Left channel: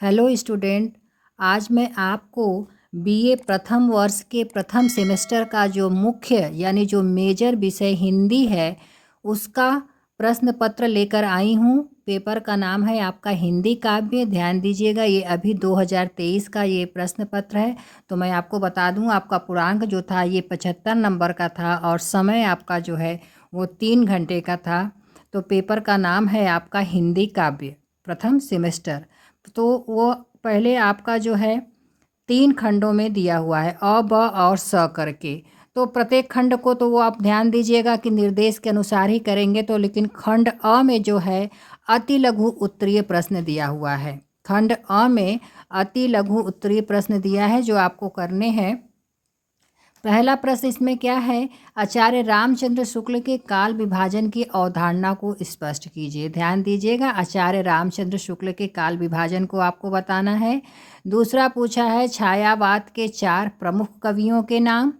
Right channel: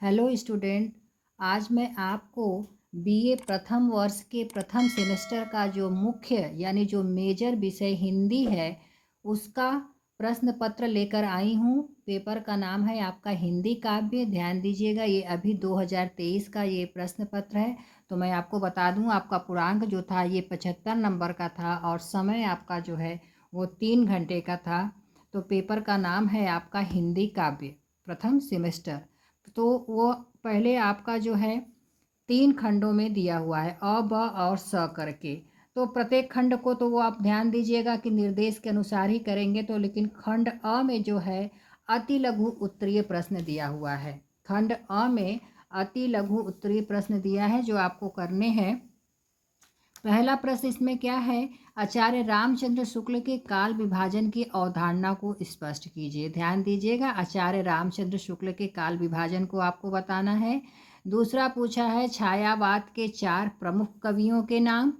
Hello student. आज मैं आपको बीए प्रथम वर्ष के प्रथम सेमेस्टर का जो मुख्य यानी जो मेजर विषय हिंदी है उसका प्रश्न पत्र लेकर आई हूँ। पेपर का नाम है आपका हिंदी काव्य। ध्यान दीजिएगा, ये अभी 2023 का ये प्रश्न पत्र है। तो मैं आपको बता दूँ, आपका पूर्णांक जो था ये 75 नंबर का था और समय आपका जो है वो 3 घंटे का था। तो पेपर का नाम है आपका हिंदी काव्य प्रथम सेमेस्टर। तो वो पहले आपका जो है 3 खंडों में दिया हुआ है, अ ब और स करके। तो प्रत्येक खंड को तो वो आप ध्यान दीजिएगा कि निर्देश के अनुसार ही करेंगे। तो लेकिन खंड अ में जो है अति लघु उत्तरीय प्रश्न दिया हुआ है। खंड अ में अति लघु उत्तरीय प्रश्न दिया है जो आपको करने हैं। पहला प्रश्न इसमें क्या है, आचार्य रामचंद्र शुक्ल के काल विभाजन की अवधारणा को स्पष्ट कीजिए। ध्यान दीजिएगा, आचार्य रामचंद्र शुक्ल के काल विभाजन को आपको बताना है। दूसरा पूछा है छायावाद के 4 प्रमुख कवियों के नाम।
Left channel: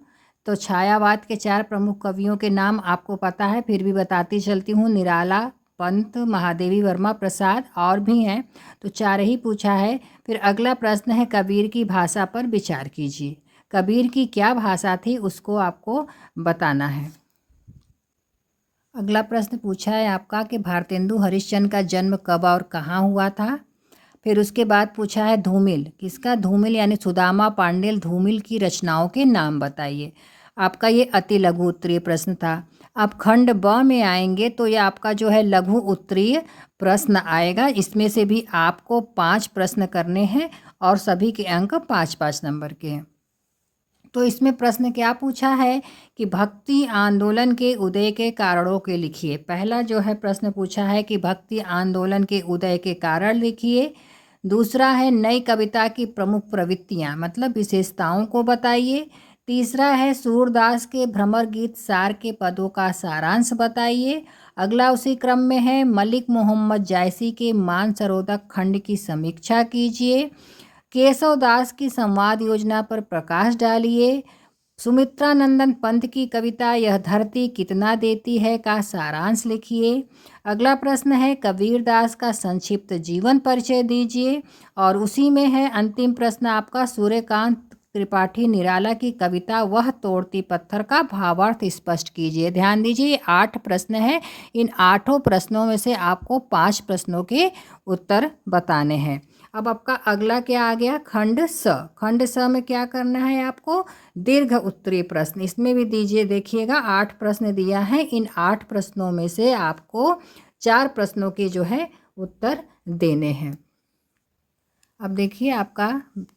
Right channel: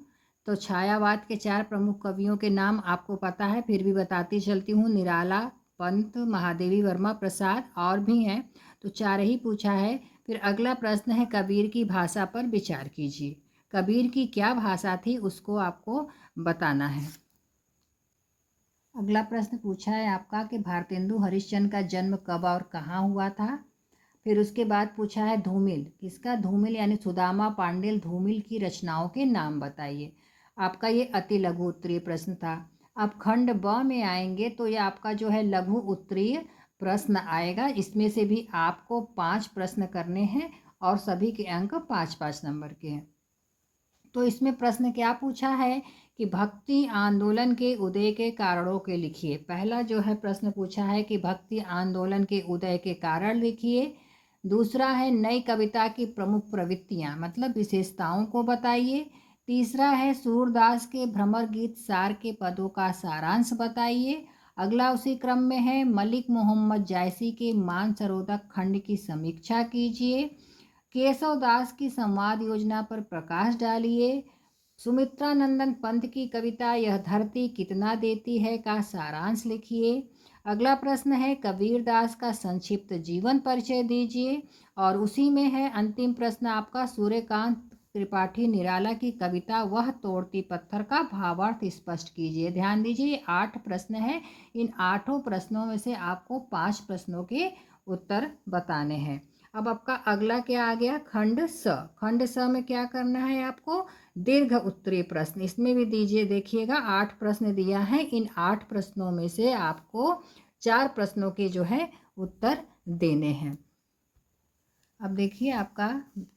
तो छायावाद के 4 प्रमुख कवियों के नाम आपको पता है, फिर भी बताती चलती हूँ। निराला, पंत, महादेवी वर्मा, प्रसाद और भी हैं। तो 4 ही पूछा है। फिर अगला प्रश्न है कबीर की भाषा पर विचार कीजिए। कबीर की क्या भाषा थी उसको आपको बताना है। अगला प्रश्न पूछा है आपका कि भारतेंदु हरिश्चंद्र का जन्म कब और कहाँ हुआ था। फिर उसके बाद पूछा है धूमिल किसका, धूमिल यानी सुदामा पांडेल धूमिल की रचनाओं के नाम बताइए। आपका ये अति लघु उत्तरीय प्रश्न था। अब खंड ब में आएंगे तो ये आपका जो है लघु उत्तरीय प्रश्न आएगा। इसमें से भी आपको 5 प्रश्न करने हैं और सभी के अंक 5-5 नंबर के हैं। तो इसमें प्रश्न क्या पूछा है कि भक्ति आंदोलन के उदय के कारणों के लिखिए। पहला जो है प्रश्न पूछा है कि भक्ति आंदोलन के उदय के कारण लिखिए। दूसरा है नई कविता की प्रमुख प्रवृत्तियाँ मतलब विशेषताओं को बताइए। तीसरा है सूरदास के भ्रमर गीत सार के पदों का सारांश बताइए। अगला उसी क्रम में है मलिक मोहम्मद जायसी के मानसरोवर खंड की समीक्षा कीजिए। केशव दास की संवाद योजना पर प्रकाश डालिए। सुमित्रा नंदन पंत की कविता यह धरती कितना देती है का सारांश लिखिए। अगला प्रश्न है कबीर दास का संक्षिप्त जीवन परिचय दीजिए। और उसी में है अंतिम प्रश्न आपका सूर्यकांत त्रिपाठी निराला की कविता वह तोड़ती पत्थर का भावार्थ स्पष्ट कीजिए। ध्यान दीजिए, ये 8 प्रश्न है। इन 8 प्रश्नों में से आपको 5 प्रश्नों के उत्तर बताने हैं। अब आपका अगला क्या आ गया, खंड स। खंड स में क्या करना है आपको, दीर्घ उत्तरीय प्रश्न। इसमें भी दीजिए, देखिएगा 8 प्रश्न दिया है। इन 8 प्रश्नों में से आपको 4 प्रश्नों के जो है उत्तर देने हैं। अब देखिए आपका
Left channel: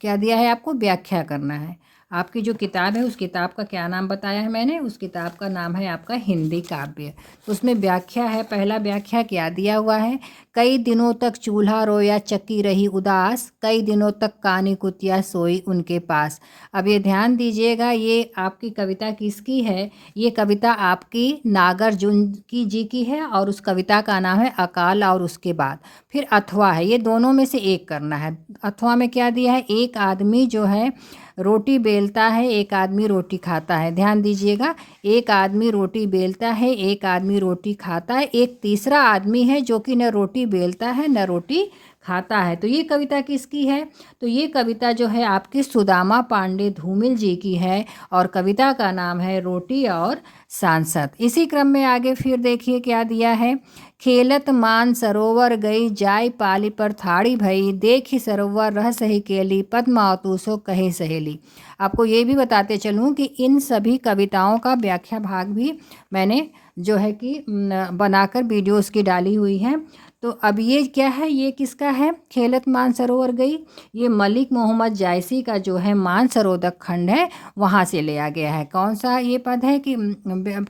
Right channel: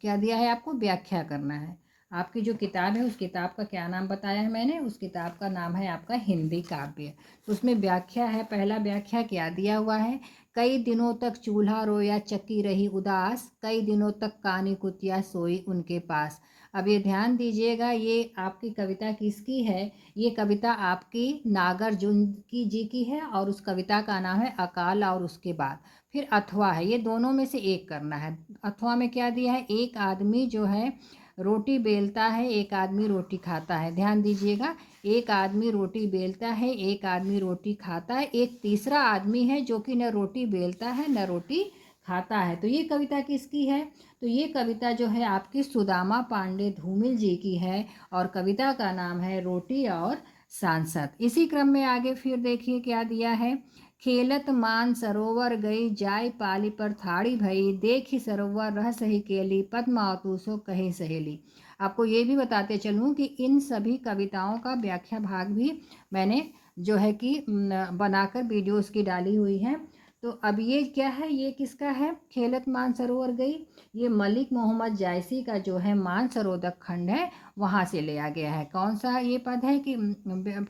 क्या दिया है, आपको व्याख्या करना है। आपकी जो किताब है उस किताब का क्या नाम बताया है मैंने, उस किताब का नाम है आपका हिंदी काव्य। तो उसमें व्याख्या है। पहला व्याख्या क्या दिया हुआ है, कई दिनों तक चूल्हा रोया चक्की रही उदास, कई दिनों तक कानी कुतिया सोई उनके पास। अब ये ध्यान दीजिएगा, ये आपकी कविता किसकी है, ये कविता आपकी नागार्जुन की जी की है और उस कविता का नाम है अकाल और उसके बाद। फिर अथवा है, ये दोनों में से एक करना है। अथवा में क्या दिया है, एक आदमी जो है रोटी बेलता है, एक आदमी रोटी खाता है। ध्यान दीजिएगा, एक आदमी रोटी बेलता है, एक आदमी रोटी खाता है, एक तीसरा आदमी है जो कि न रोटी बेलता है न रोटी खाता है। तो ये कविता किसकी है, तो ये कविता जो है आपकी सुदामा पांडे धूमिल जी की है और कविता का नाम है रोटी और सांसद। इसी क्रम में आगे फिर देखिए क्या दिया है, खेलत मान सरोवर गई जाय पाली पर थाड़ी भई, देखी सरोवर रह सही केली पद्मावतु सो कहे सहेली। आपको ये भी बताते चलूँ कि इन सभी कविताओं का व्याख्या भाग भी मैंने जो है कि बनाकर वीडियोस की डाली हुई है। तो अब ये क्या है, ये किसका है, खेलत मानसरोवर गई, ये मलिक मोहम्मद जायसी का जो है मानसरोवर खंड है वहाँ से लिया गया है। कौन सा ये पद है कि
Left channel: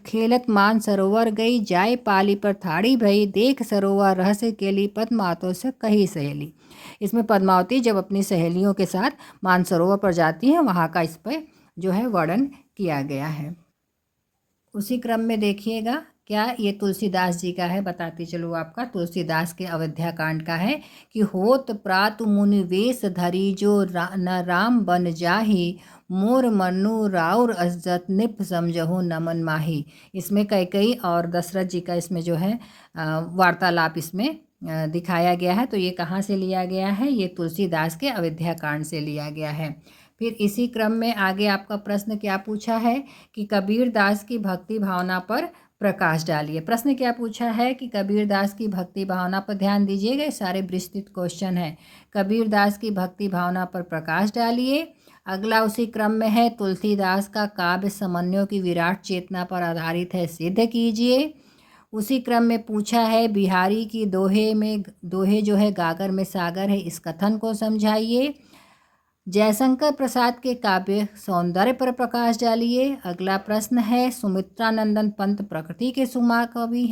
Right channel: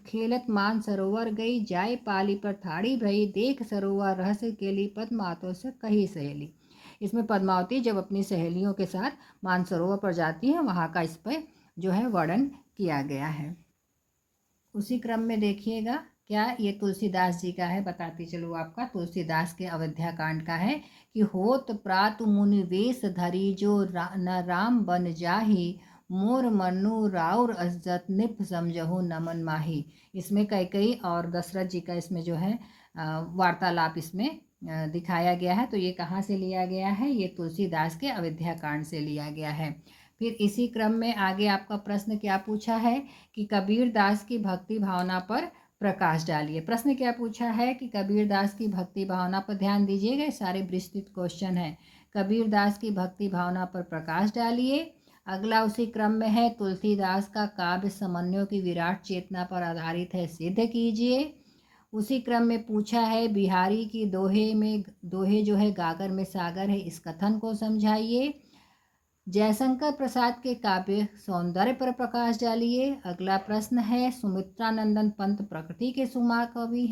खेलत मान सरोवर गई जाय पाली पर थाड़ी भई, देख सरोवर रहस्य केली पद्मावतों से कही सहेली। इसमें पद्मावती जब अपनी सहेलियों के साथ मानसरोवर पर जाती हैं वहाँ का इस पर जो है वर्णन किया गया है। उसी क्रम में देखिएगा क्या, ये तुलसीदास जी का है, बताती चलो आपका तुलसीदास के अयोध्या कांड का है कि होत प्रातु मुनि वेश धरी जो न राम बन जाही, मोर मनु राउर अज्जत निप समझहु नमन माही। इसमें कैकई और दशरथ जी का इसमें जो है वार्तालाप इसमें दिखाया गया है। तो ये कहाँ से लिया गया है? ये तुलसीदास के अयोध्या कांड से लिया गया है। फिर इसी क्रम में आगे आपका प्रश्न क्या पूछा है कि कबीर दास की भक्ति भावना पर प्रकाश डालिए। प्रश्न क्या पूछा है कि कबीर दास की भक्ति भावना पर ध्यान दीजिएगा, ये सारे विस्तृत क्वेश्चन है। कबीर दास की भक्ति भावना पर प्रकाश डालिए। अगला उसी क्रम में है तुलसीदास का काव्य समन्वयों की विराट चेतना पर आधारित है, सिद्ध कीजिए। उसी क्रम में पूछा है बिहारी की दोहे जो है गागर में सागर है, इस कथन को समझाइए। जयशंकर प्रसाद के काव्य सौंदर्य पर प्रकाश डालिए। अगला प्रश्न है सुमित्रानंदन पंत प्रकृति के सुकुमार कवि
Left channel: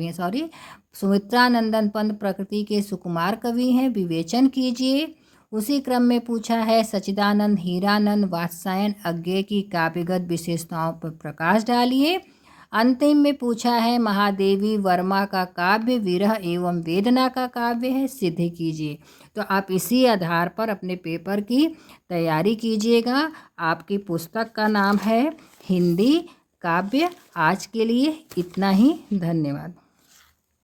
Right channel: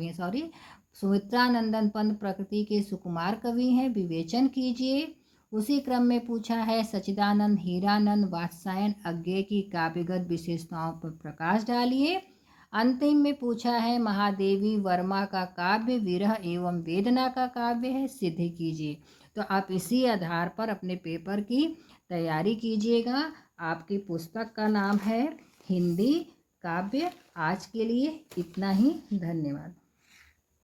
हैं सॉरी सुमित्रानंदन पंत प्रकृति के सुकुमार कवि हैं, विवेचन कीजिए। उसी क्रम में पूछा है सच्चिदानंद हीरानंद वात्स्यायन अज्ञेय की काव्यगत विशेषताओं पर प्रकाश डालिए। अंतिम में पूछा है महादेवी वर्मा का काव्य विरह एवं वेदना का काव्य है, सिद्ध कीजिए। तो आप इसी आधार पर अपने पेपर की तैयारी कीजिएगा। आपकी पुस्तक का नाम है हिंदी काव्य। आज के लिए इतना ही, धन्यवाद।